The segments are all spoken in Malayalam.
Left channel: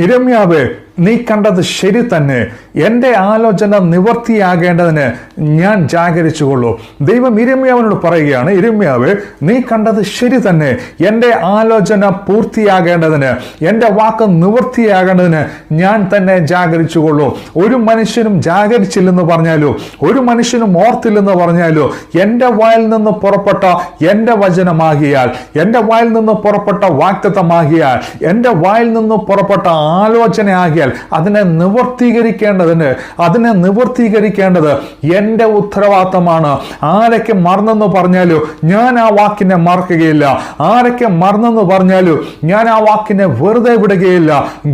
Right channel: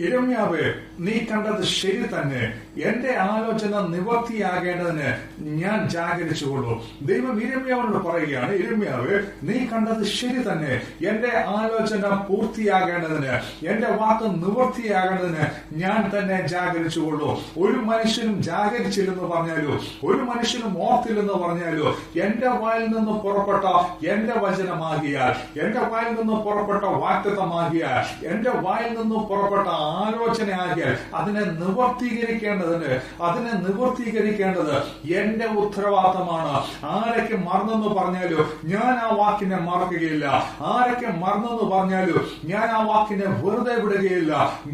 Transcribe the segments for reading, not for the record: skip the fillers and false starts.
യിരെമ്യാവേ, നീ കണ്ടത് ശരി തന്നെ. എൻ്റെ ആലോചന നിവർത്തിയാകേണ്ടതിന് ഞാൻ ജാഗരിച്ചുകൊള്ളൂ. ദൈവം യിരെമ്യാവിനോട് പറയുകയാണ്, യിരെമ്യാവേ, നീ കണ്ടത് ശരി തന്നെ. എൻ്റെ ആലോചന പൂർത്തിയാകേണ്ടതിന്, എൻ്റെ വാക്ക് നിവൃത്തിയാകേണ്ടതിന് ഞാൻ തന്നെ ജാഗരിച്ചുകൊള്ളൂ. ഒരു മനുഷ്യനും ജാഗരിച്ചില്ലെന്ന് പറഞ്ഞാലോ, ഒരു മനുഷ്യനും ഓർത്തില്ലെന്ന് പറഞ്ഞാലോ, എൻ്റെ വായിൽ നിന്ന് പുറപ്പെട്ട എൻ്റെ വചനമാകിയാൽ, എൻ്റെ വായിൽ നിന്ന് പുറപ്പെട്ട വാഗ്ദത്തമാകിയാൽ, എൻ്റെ വായിൽ നിന്ന് പുറപ്പെട്ട ആലോചനയാകിയാൽ അതിനെ നിവർത്തീകരിക്കേണ്ടത് എൻ്റെ ഉത്തരവാദിത്തമാണ്. ആരൊക്കെ മറന്നെന്ന് പറഞ്ഞാലോ ഞാൻ ആ വാക്കിനെ മറക്കുകയില്ല. ആരൊക്കെ മറന്നെന്ന് പറഞ്ഞാലോ ഞാൻ ആ വാക്കിനെ വെറുതെ വിടുകയില്ല.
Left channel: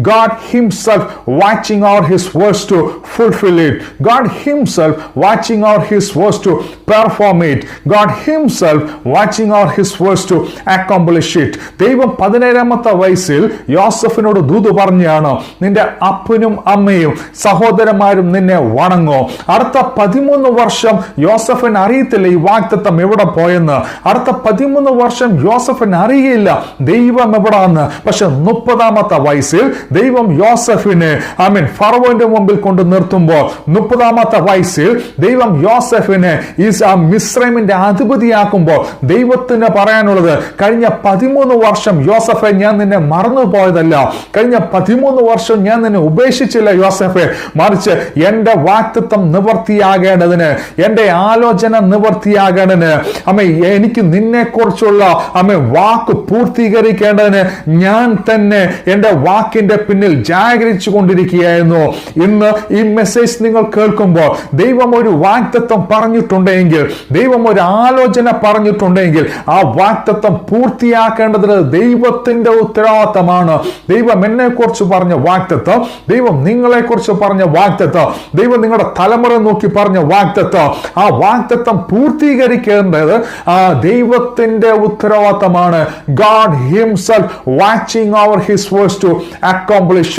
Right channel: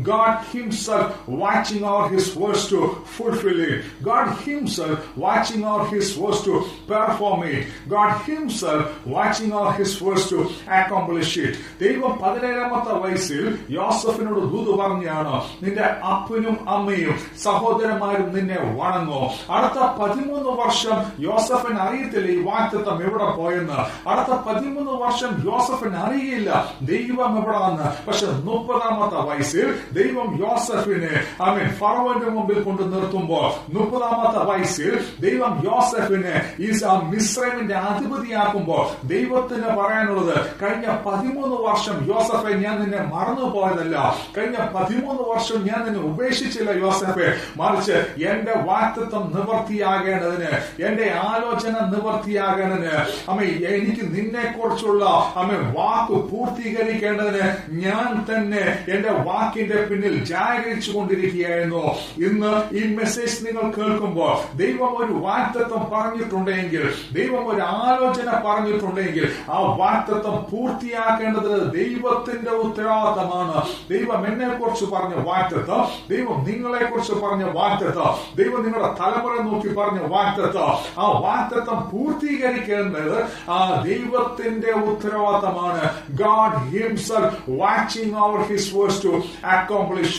God himself watching out his words to fulfill it. God himself watching out his words to perform it. God himself watching out his words to accomplish it. ദൈവം 17-ാമത്തെ വയസ്സിൽ യോസഫിനോട് ദൂത് പറഞ്ഞാണ്, നിന്റെ അപ്പനും അമ്മയും സഹോദരന്മാരും നിന്നെ വണങ്ങോ. അടുത്ത 13 വർഷം യോസഫിന് അറിയത്തില്ല ഈ വാഗ്ദത്തം എവിടെ പോയെന്ന്. അടുത്ത 13 വർഷം യോസഫിന് അറിയില്ല ദൈവം എവിടാന്ന്. പക്ഷെ 30-ാമത്തെ വയസ്സിൽ ദൈവം യോസഫിനെ ഫറവോന്റെ മുമ്പിൽ കൊണ്ട് നിർത്തുമ്പോൾ, 30-ാമത്തെ വയസ്സിൽ ദൈവം യോസഫിനെ ഈ മിസ്രൈമിന്റെ അധിപതിയാക്കുമ്പോൾ ദൈവത്തിന് പറയാനുള്ളത്, കഴിഞ്ഞ 13 വർഷം യോസഫെ ഞാൻ നിന്നെ മറന്നു പോയതല്ല. കഴിഞ്ഞ 13 വർഷം ഞാൻ നിന്നെ ഉപേക്ഷിച്ചില്ല യോസഫെ. മറിച്ച് എൻ്റെ വാഗ്ദത്തം നിവർത്തിയാകേണ്ടതിന്, എൻ്റെ ആലോചന നിവർത്തിയാകേണ്ടതിന്, എനിക്ക് നിന്നെ കുറിച്ചുള്ള വാക്ക് പൂർത്തീകരിക്കേണ്ടതിന് ഞാൻ തന്നെ എൻ്റെ വാക്കിന്റെ പിന്നിൽ ജാഗരിച്ചു കൊണ്ടിരിക്കുകയായിരുന്നു. ഇന്ന് ഈ മെസ്സേജ് നിങ്ങൾ കേൾക്കുമ്പോൾ ദൈവം ഒരു വാഗ്ദത്തം പറഞ്ഞിട്ടുണ്ടെങ്കിൽ, ദൈവം ഒരു ആലോചന പറഞ്ഞിട്ടുണ്ടെങ്കിൽ ആ വാഗ്ദത്തം പൂർത്തിയാക്കേണ്ടത് ദൈവത്തിന്റെ ഉത്തരവാദിത്തമാണ്. ദൈവം എന്നെ കുറിച്ച് പറഞ്ഞ വാഗ്ദത്തം, ദൈവം നിങ്ങളെ കുറിച്ച് പറഞ്ഞ വാഗ്ദത്തം, ദൈവം നിങ്ങളുടെ തലമുറ നോക്കി പറഞ്ഞ വാഗ്ദത്തം, ആ വാഗ്ദത്തം പൂർത്തീകരിക്കേണ്ടത് ആ ദൈവത്തിന്റെ ഉത്തരവാദിത്തമാണ്. God himself watching over his words to accomplish